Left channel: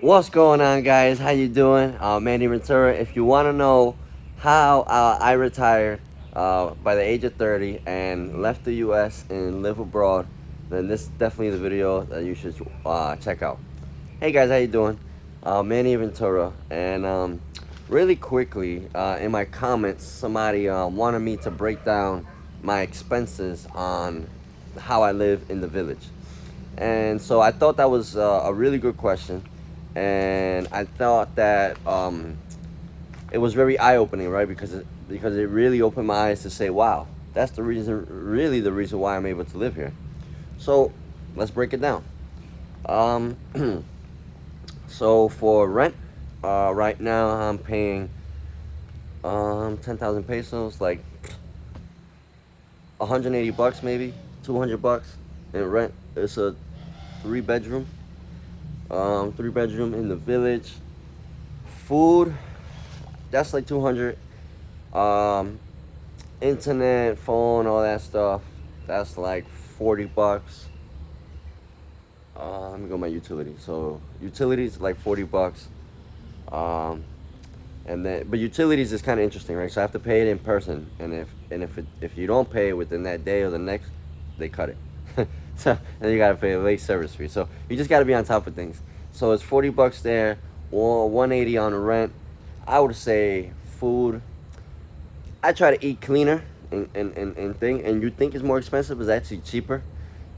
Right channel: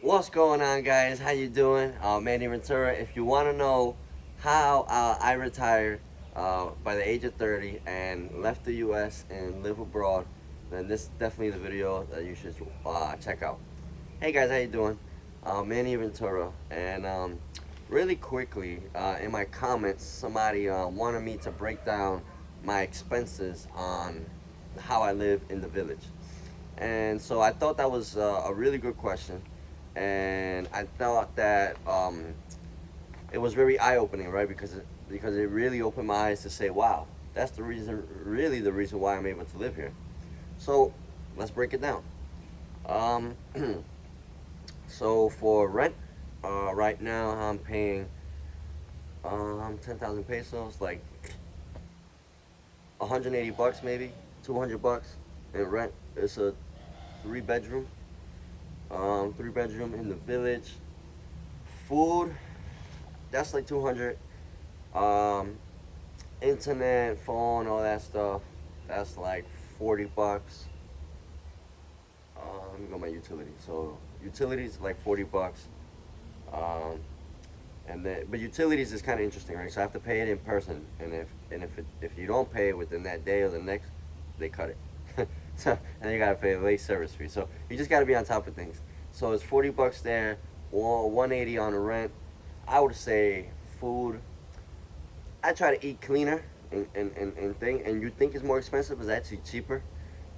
What's going on, guys? How you doing? Manny Ventura. If you want to know how I retired by the age of 30 and left the U.S. and live abroad, then this is definitely the video that you should check out. Hey guys, how you doing? Manny Ventura. And really quickly, in my comments, somebody wanted me to break down my expenses on how I live in the village. And so I thought that was a really good question, and I thought that it was very eye-opening, right? Because it really opened my eyes to say, wow, that's the reason, really the reason why I'm able to live here. So let's break it down. Um, so for rent, right now I'm paying 10,000 pesos, like 180 bucks maybe, 200 bucks in rent. It's a three bedroom, three bedroom in the village. Food, that's like 200. Um, Internet, phone, all that stuff, that's like 40 bucks. Let me go my utilities. So utilities like 40 bucks. Um, and then, but utilities is kind of interesting, right? So I have to pay it in person, and if you don't pay it within that day or the next, they cut it. So and you gotta pay a late service fee. So you just gotta be on top of things. So it's 40 bucks there, or 180 on the rent. I would say food. I try to eat cleaner and thing, and you think it's more expensive, it's actually cheaper.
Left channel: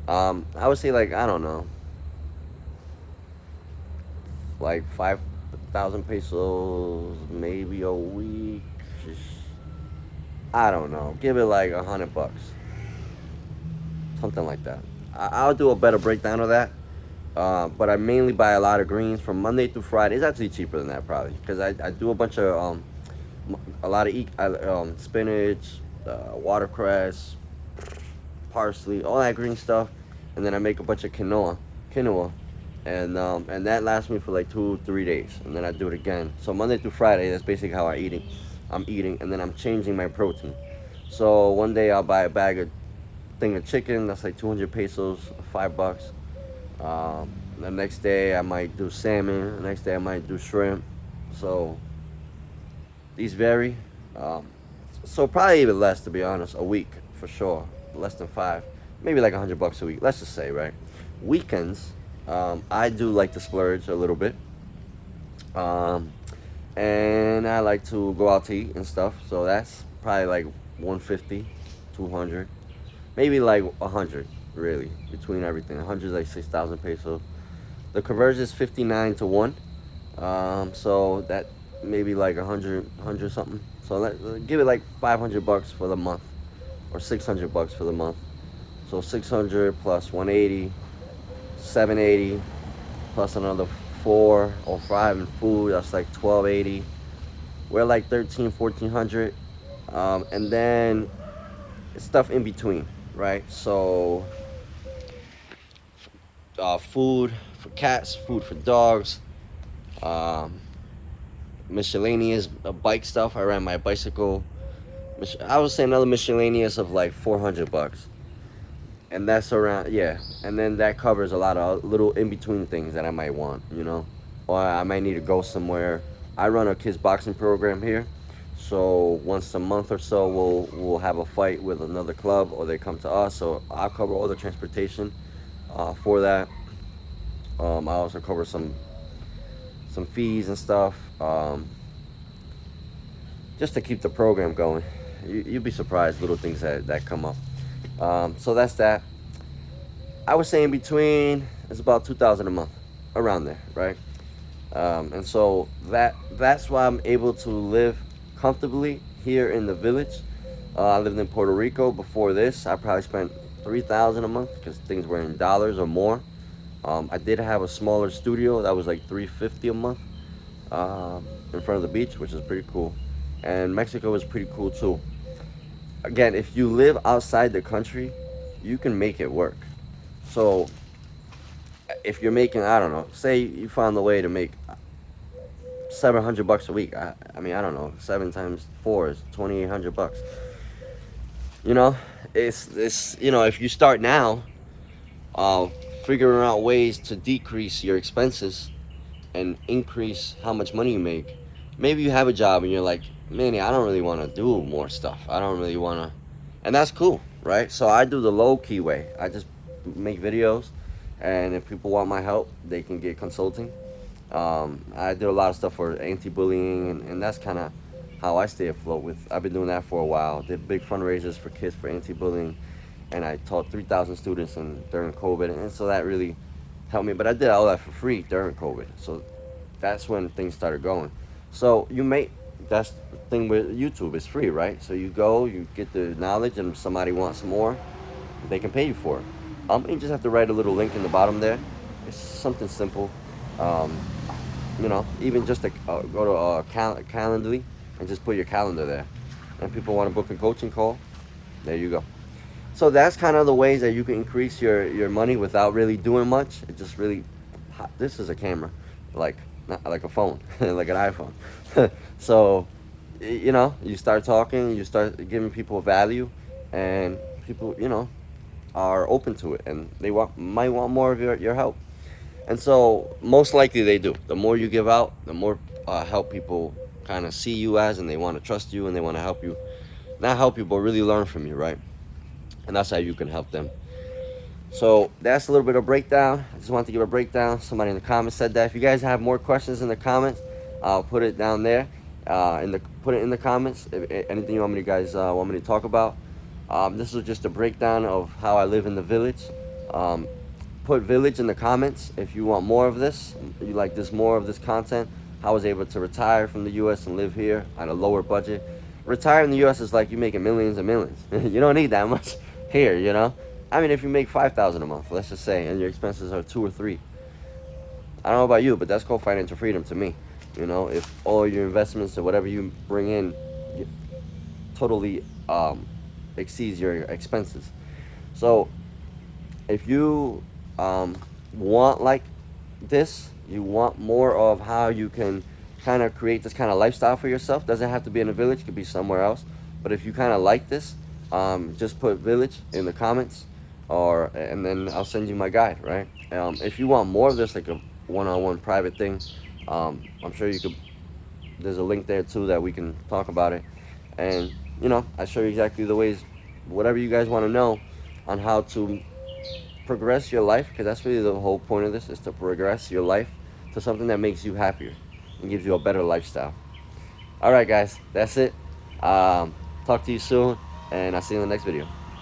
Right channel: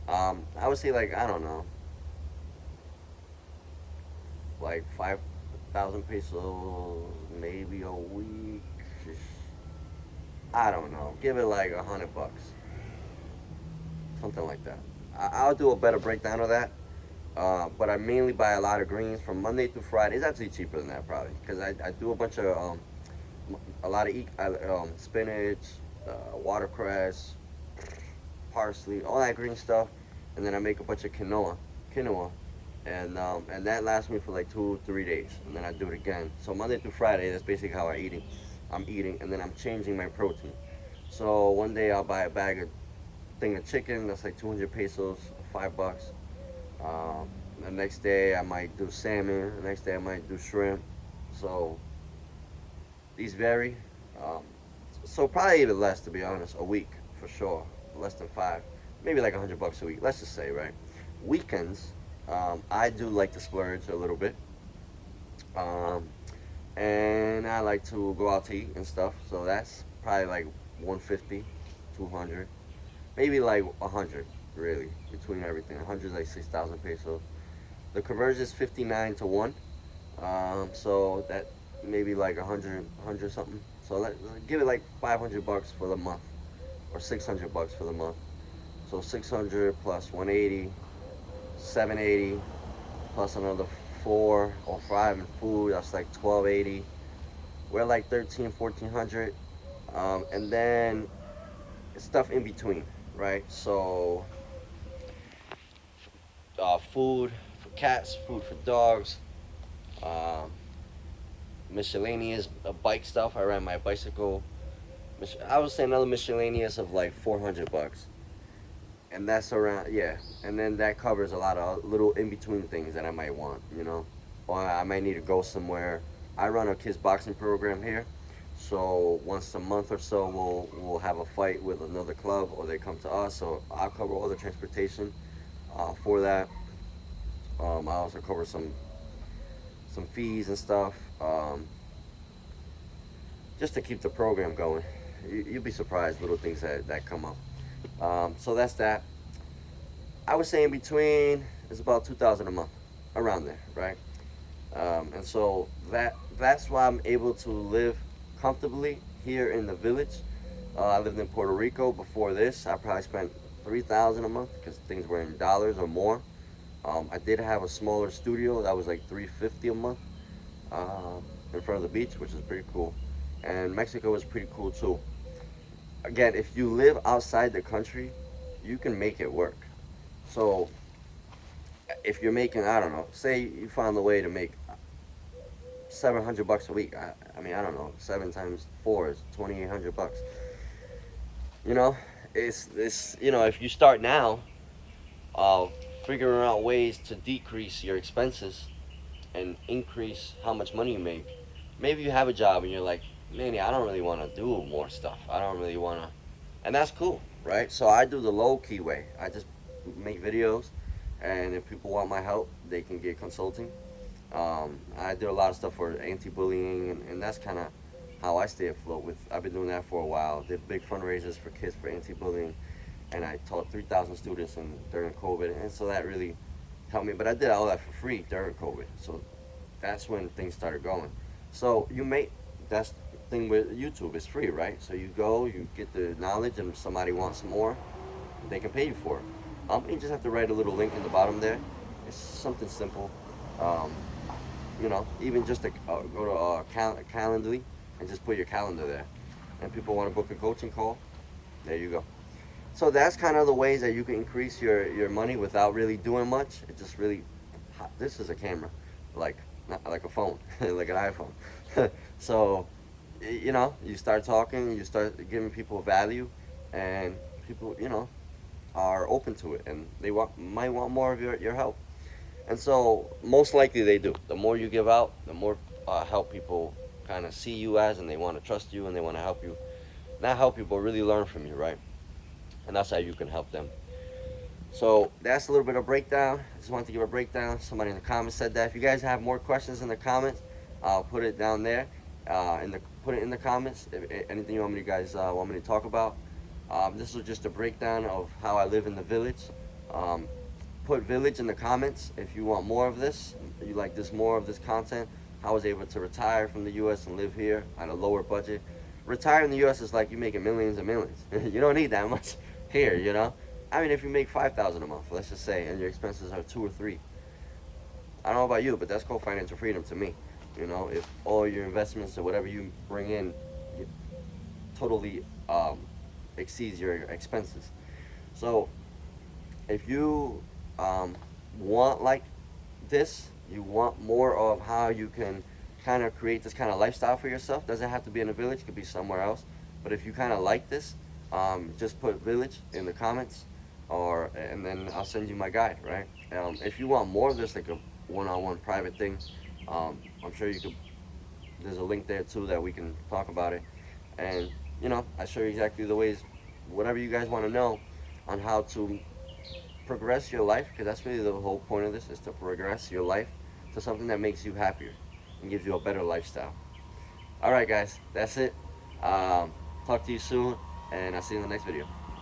I would say like I don't know, like 5,000 pesos maybe a week. I don't know. Give it like 100 bucks, something like that. I'll do a better breakdown of that. But I mainly buy a lot of greens from Monday through Friday. It's actually cheaper than that probably because I do a bunch of a lot of spinach, watercress, parsley, all that green stuff, and then I make a bunch of quinoa, and that lasts me for like 2 3 days, and then I do it again. So Monday through Friday, that's basically how I'm eating, and then I'm changing my protein. So one day I'll buy a thing of chicken that's like 200 pesos, $5. The next day I might do salmon. The next day I might do shrimp. So these vary. Um, so probably even less, to be honest, a week for sure. Less than five, maybe like 100 bucks a week. Let's just say, right? Weekends, I do like to splurge a little bit, um, and I like to go out to eat and stuff. So that's probably like 150, 200, maybe like 100. Really, between everything, 100 is like 6,000 pesos. The conversion is 59 to 1. So that maybe like 100 something. So give it like 500 bucks for the month, or 600 bucks for the month. So 600 plus 180, 780, plus another 4 or 5 in food. That's like 1280. We're like 13, 1400. And then stuff in between, right? So food for cats, food for dogs, um, miscellaneous bike stuff. I ran my bicycle. I would say another miscellaneous of like 400 bucks, and that's around, yeah. And then that covers a lot of little in between things that I might want, or I might need to go somewhere. I run a kids boxing program here, so once a month or so we'll have a fight with another club, or they come to us. So I'll cover all the transportation for that. I also cover some fees and stuff, just to keep the program going. You'd be surprised little things that come up. So that's that. I would say in between it's about 2,000 a month, around there, right? And so that's why I'm able to live comfortably here in the village. I lived in Puerto Rico before this. I probably spent 3,000 a month because things were in dollars or more. I did have a smaller studio that was like 350 a month, in front of the beach, which is pretty cool. And Mexico is pretty cool too. Again, if you live outside the country, you can make it work. So if you're making, I don't know, say you find a way to make 700 bucks a week. I mean, I don't know, 7 times 4 is 2,800 bucks. You know, it's if you start now, uh, figuring out ways to decrease your expenses, and increase how much money you make. Maybe you have a job and you're like, Manny, I don't really want to do more stuff. I don't really want to, and that's cool, right? So I do the low key way. I just make videos, and if people want my help, they can get consulting. I do a lot of stuff for anti-bullying, and that's kind of how I stay afloat with. I've been doing that for a while. Did big fundraisers for kids for anti-bullying, and I taught 3,000 students during COVID, and so that really helped me. But I did all that for free during COVID, so that's when things started going. So you make that's the thing with YouTube. It's free, right? So you go, you get the knowledge, and if somebody wants more, they can pay you for it. You just have to write a little link in the bottom there. It's something simple. Um, even just to go to Calendly and just put your calendar there. And people want to book a coaching call, there you go. So that's kind of the ways that you can increase your money without really doing much. It just really, this is a camera, like not like a phone, like an iPhone. So, you start talking, you start giving people value, and people, are open to it, and they might want more of your help. And so most likely they do. The more you give out, the more help people kind of see you as, and they want to trust you, and they want to help you. Not help you, but really learn from you, right? And that's how you can help them. So that's a little bit of breakdown. I just wanted to give a breakdown. Somebody in the comments said that. If you guys have more questions in the comments, put it down there. Put it in the comments. If anything you want me to talk about. This was just a breakdown of how I live in the village. Put village in the comments if you want more of this. You like more of this content. How I was able to retire from the U.S. and live here at a lower budget. Retire in the U.S. is like you making millions and millions. You don't need that much here, I mean, if you make $5,000 a month, let's just say, and your expenses are 2 or 3, I don't know about you, but that's called financial freedom to me. If all your investments or whatever you bring in totally exceeds your expenses. So if you want like this, you want more of how you can kind of create this kind of lifestyle for yourself. Doesn't have to be in a village, it could be somewhere else. But if you kind of like this, just put village in the comments, and then I'll send you my guide, right? If you want more of this, like a one-on-one private thing, I'm sure you could. There's a link there too that we can talk about it, and I show you exactly the ways, whatever you guys want to know, on how to progress your life, because that's really the whole point of this, is to progress your life to something that makes you happier and gives you a better lifestyle. All right, guys, that's it. Talk to you soon, and I'll see you in the next video.